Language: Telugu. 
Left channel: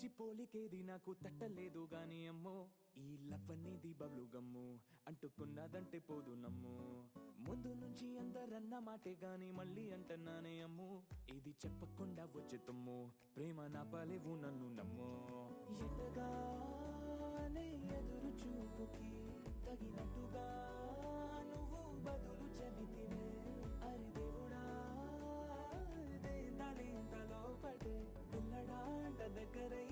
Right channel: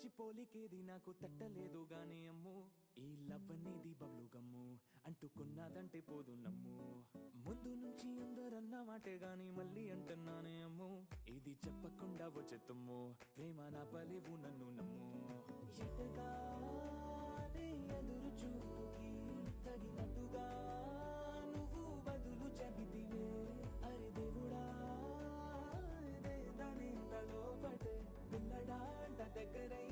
మించి పోలికేది నాకు తట్టలేదు గాని అమ్మో ఈ లవ్ అనేది బబ్లు గమ్ము అంటుకున్నదంటే పోదు నమ్ము ముందు నుంచి అందరన్న మాటే గాని మళ్ళీ అంటున్నానే అమ్ము ఇది చెప్పకుండా వచ్చే తుమ్ము ప్రేమ నా పలేవు నన్ను నమ్ము ఎటగానే ఎదురు చూకి తగినట్టుగా నువ్వు బదులు చెబితివే అరే దేవుడా దాని తలో పడే పిల్లడా దగ్గరై